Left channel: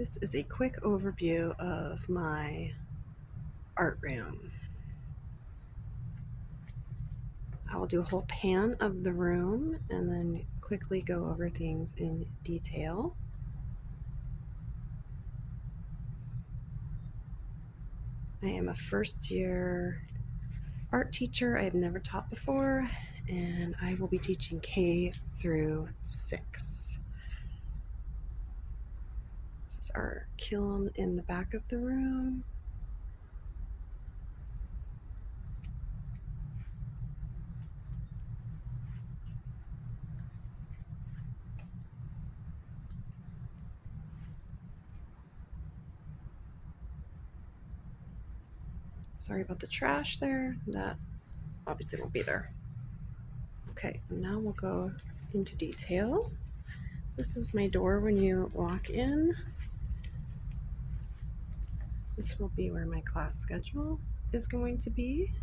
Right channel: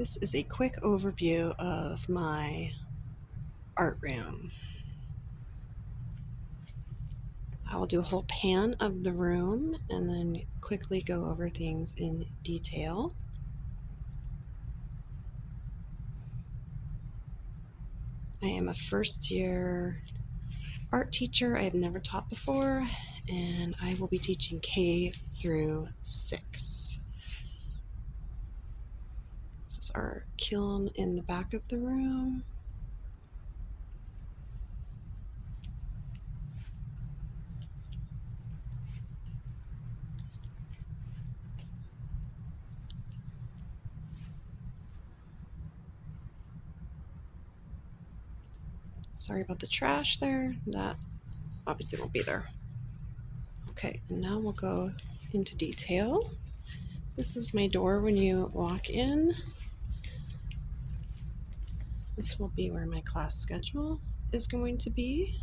This is a quick overview of my art room. I will do a whole pan of the room and then quickly go over things in detail. I am a first-year art teacher. I have never taught before, and I will be teaching K through 6. This is our kiln in the back of the room. Sorry about the trash there. That obviously won't be there. Okay, and now we'll go into detail. This is my door when you walk in. This will be where my class schedule is going to be.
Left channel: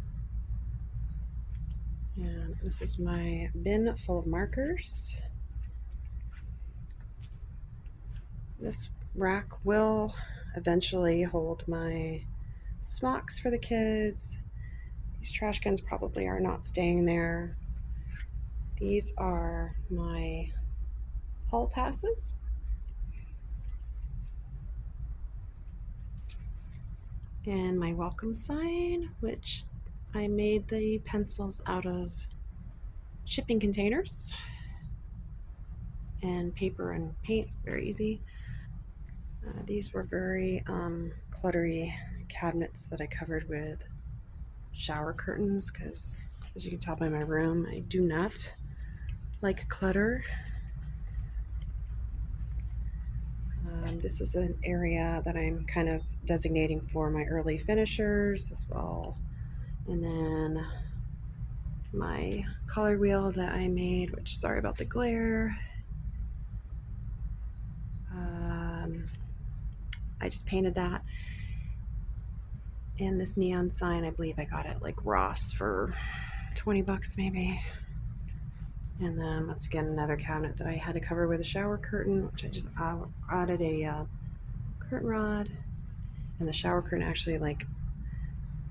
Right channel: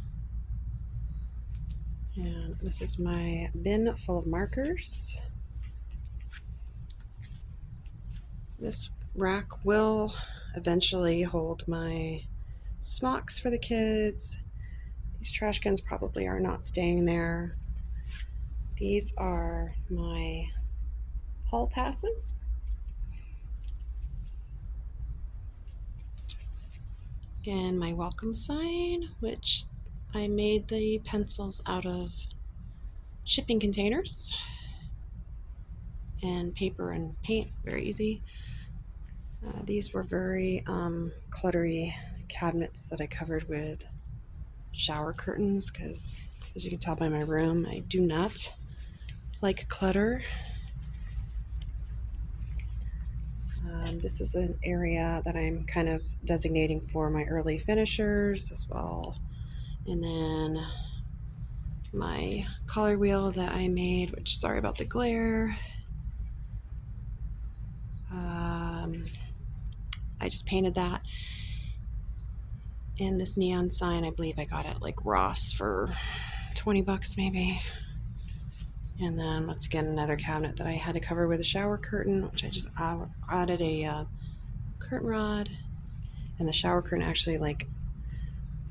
And this is my bin full of markers. This rack will eventually hold my smocks for the kids. These trash cans probably are not staying there. These are my hall passes. And my welcome sign, which I made the pencils out of shipping containers and paper and paint, very easy. These were very cluttery cabinets that I covered with shower curtains because, as you can tell by my room, I do not like clutter. This is an area that I'm kind of designating for my early finishers as well. And then my color wheel that I made, which, sorry about the glare. I just painted that. And this neon sign, I believe I got it like Ross for 20 bucks maybe. And then once again, another cabinet that I had to cover with a shower curtain, which I just added a curtain rod. And the shower curtain actually like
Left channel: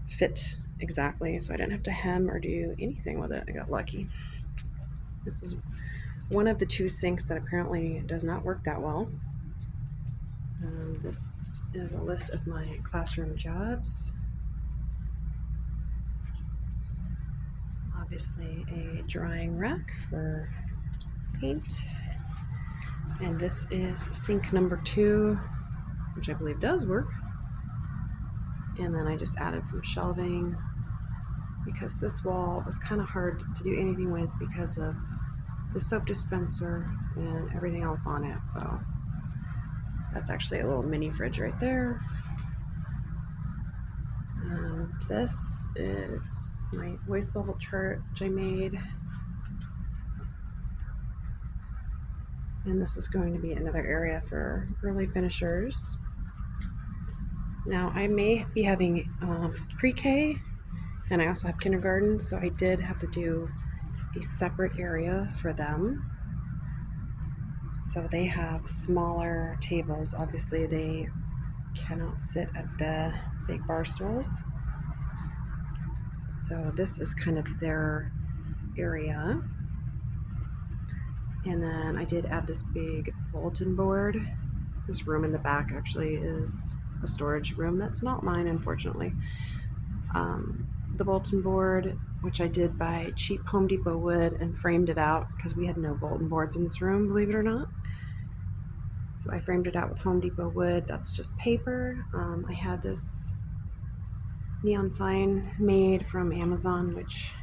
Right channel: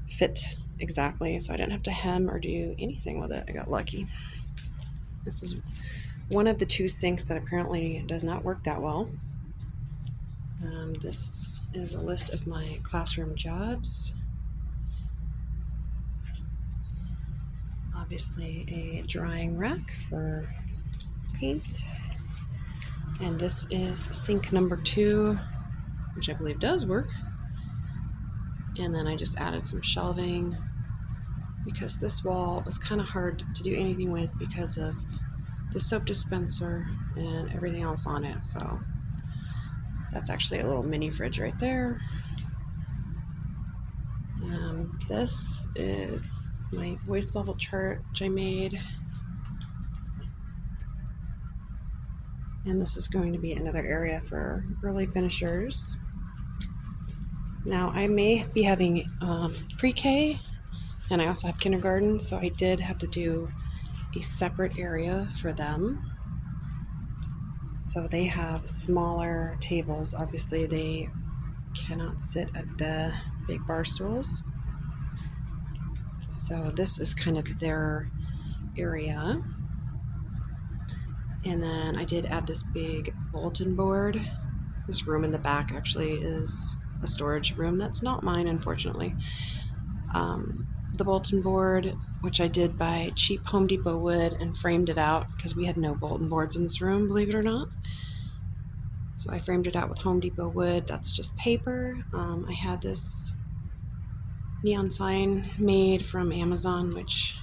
fit exactly, so I didn't have to hem or do anything with it. I got lucky. This is one of the 2 sinks that apparently does not work that well. This is a list of my classroom jobs. Obviously a drying rack for paint. And this is sink number 2, which I believe does work. And then I just added some shelving because this wall was kind of hard to do anything with because of the soap dispenser and everything else on it. So that's actually a little mini fridge right there. This is my voice level chart which I made. And this is going to be another area for early finishers. Now I may be having pre-K and I also have kindergarten, so I did have to do a separate area for them. So they have smaller tables. Obviously they cannot sit at the big bar stools. So this is kind of their area. And then I did add this big bulletin board. This room in the back actually is a storage room. That's not mine, unfortunately. The bulletin board, which I did by cheap Home Depot wood and framed it out because we had no bulletin boards in this room, believe it or not. So I framed it out with Home Depot wood. That's just paper. I had this neon sign made from Amazon, which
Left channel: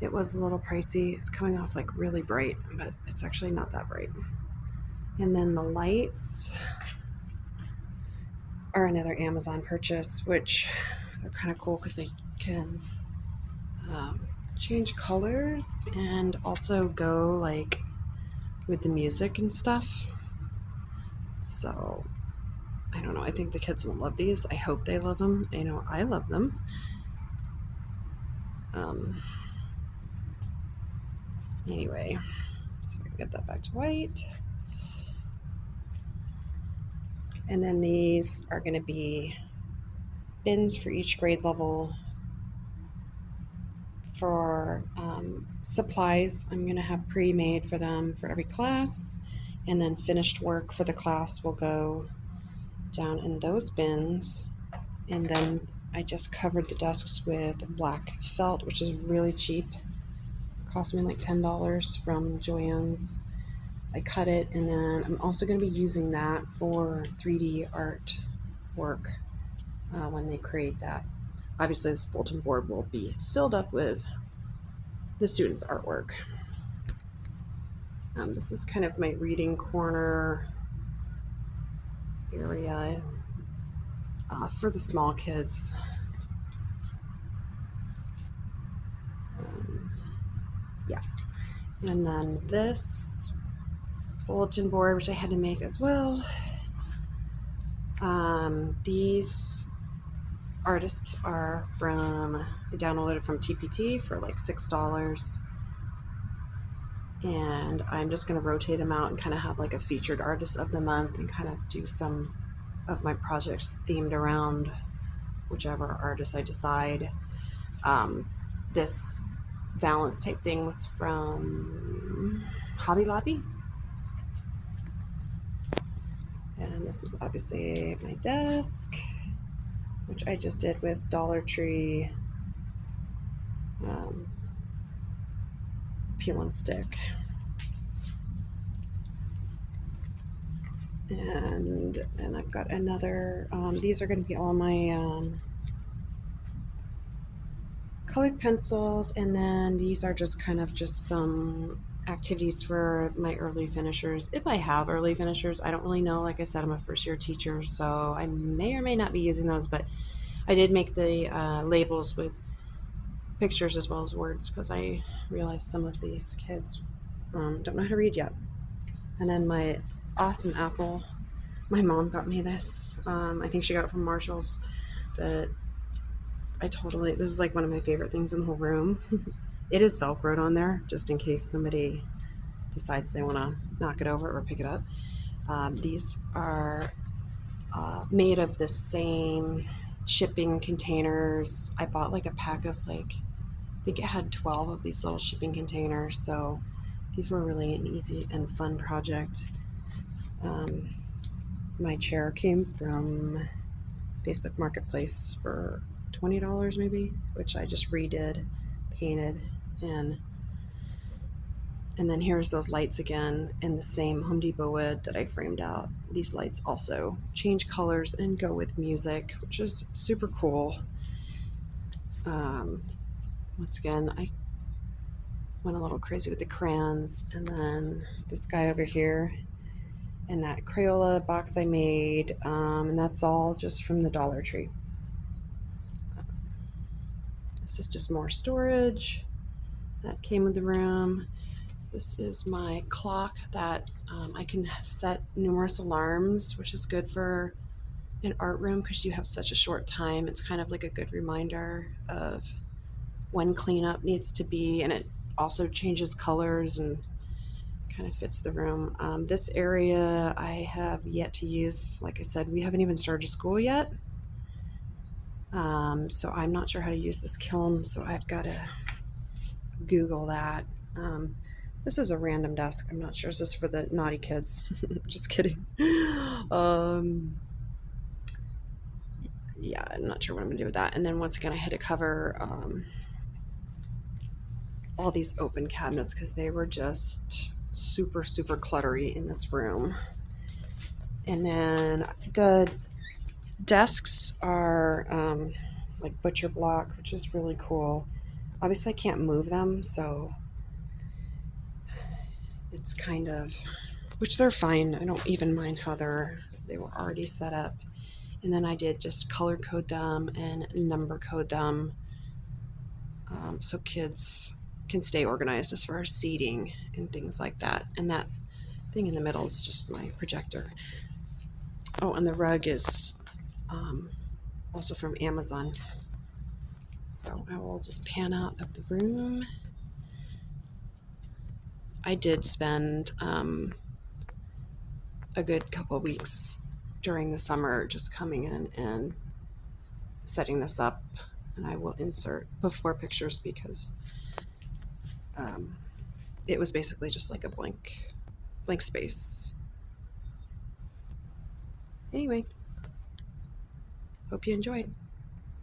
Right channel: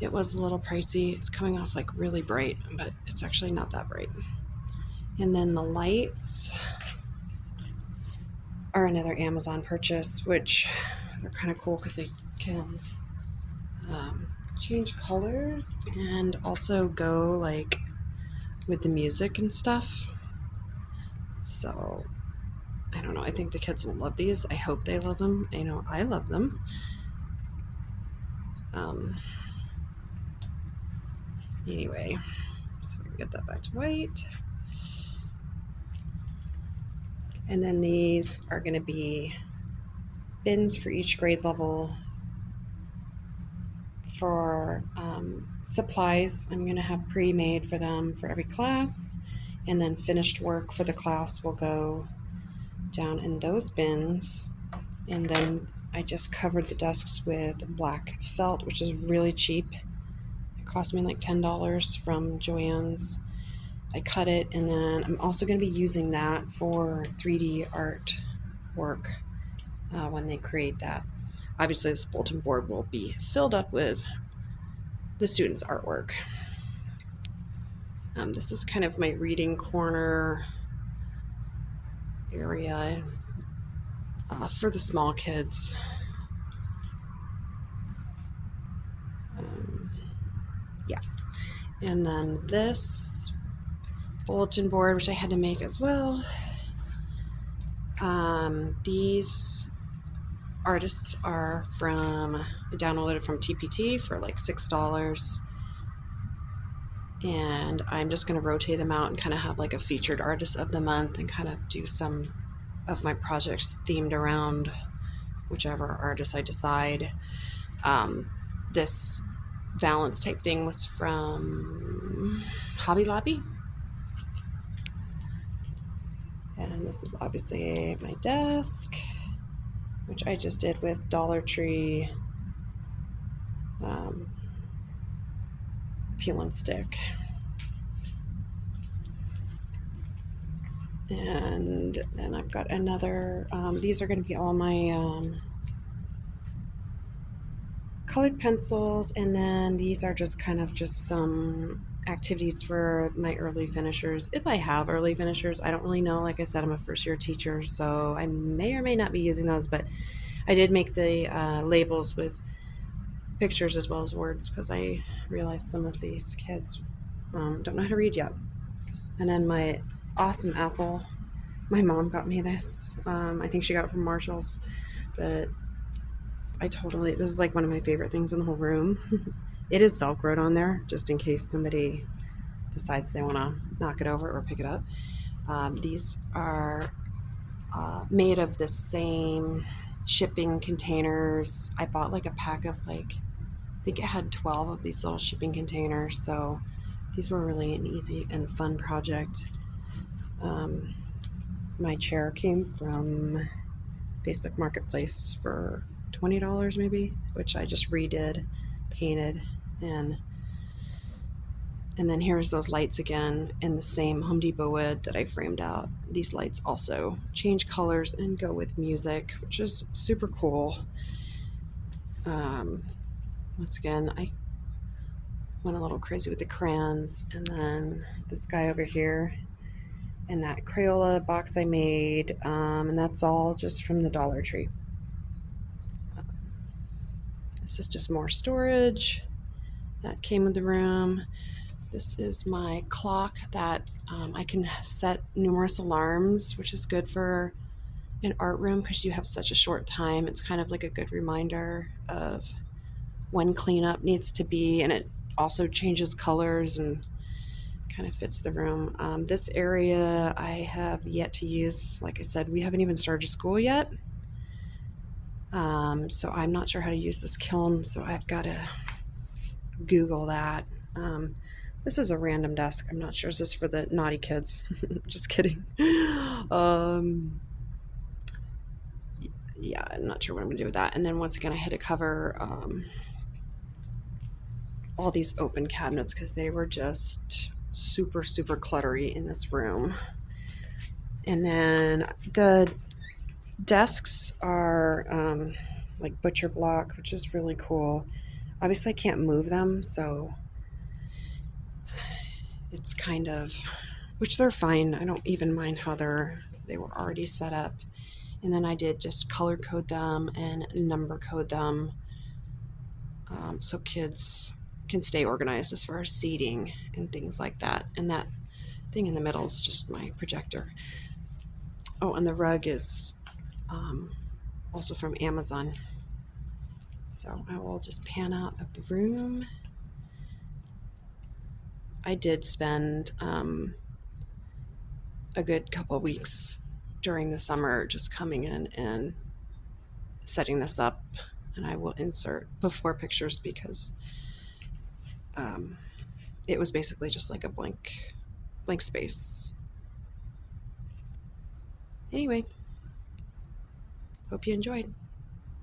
it was a little pricey. It's coming off like really bright, but it's actually not that bright. And then the lights are another Amazon purchase, which they're kind of cool because they can change colors and also go like with the music and stuff. So I don't know, I think the kids will love these. I hope they love them. I know I love them. Anyway, so we can get that back to white. And then these are going to be bins for each grade level. For supplies, I'm going to have pre-made for them for every class, and then finished work for the class will go down in those bins. And then I just covered the desks with black felt, which is really cheap. It cost me like $10 from Joann's. I cut it, and then I'm also going to be using that for 3D art work when they create that. Obviously, this bulletin board will be filled up with the students' artwork. This is kind of my reading corner area for the small kids. Yeah. And then this bulletin board, which I had to make as well. These artists are I downloaded from TPT for like $6. And I'm just going to rotate them out and kind of have like a featured artist of the month and kind of do some of my projects themed around whichever artist I decide. This valance type thing was from Hobby Lobby. And this is obviously my desk, which I just did with Dollar Tree peel and stick. And then I've got another, these are going to be all my colored pencils, and then these are just kind of just some activities for my early finishers. If I have early finishers, I don't really know. Like I said, I'm a first year teacher, so I may or may not be using those, but I did make the labels with pictures as well as words because I realized some of these kids don't know how to read yet. And then my awesome apple, my mom got me this. I think she got it from Marshall's, but this is like one of my favorite things in the whole room. It is Velcroed on there just in case somebody decides they want to knock it over or pick it up. These are made of the same shipping containers. I bought like a pack of I think it had 12 of these little shipping containers, so these were really an easy and fun project. My chair came from Facebook Marketplace for $20 maybe, which I just redid, painted, and then here's those lights again in the same Home Depot wood that I framed out. These lights also change colors and go with music, which is super cool. Once again, I went a little crazy with the crayons, and then this guy over here and that Crayola box I made, and that's all just from the Dollar Tree. This is just more storage that came with the room. This is my clock that I can set numerous alarms, which is good for an art room because you have such a short time. It's kind of like a good reminder of when cleanup needs to be, and it also changes colors and kind of fits the room. This area I have yet to use. Like I said, we haven't even started school yet. So I'm not sure how to use this kiln, so I've got to Google that. This is a random desk. I'm not sure. Is this for the naughty kids? Just kidding. Yeah, I'm not sure what I'm going to do with that. And then once again, I had to cover all these open cabinets because they were just super, super cluttery in this room. And then the desks are like butcher block, which is really cool. Obviously, I can't move them, so it's kind of, which they're fine. I don't even mind how they were already set up. And then I did just color code them and number code them so kids can stay organized as far as seating and things like that. And that thing in the middle is just my projector. Oh, and the rug is also from Amazon. So I will just pan out of the room. I did spend a good couple of weeks during the summer just coming in and setting this up, and I will insert before pictures because it was basically just like a blank space. Anyway, hope you enjoyed.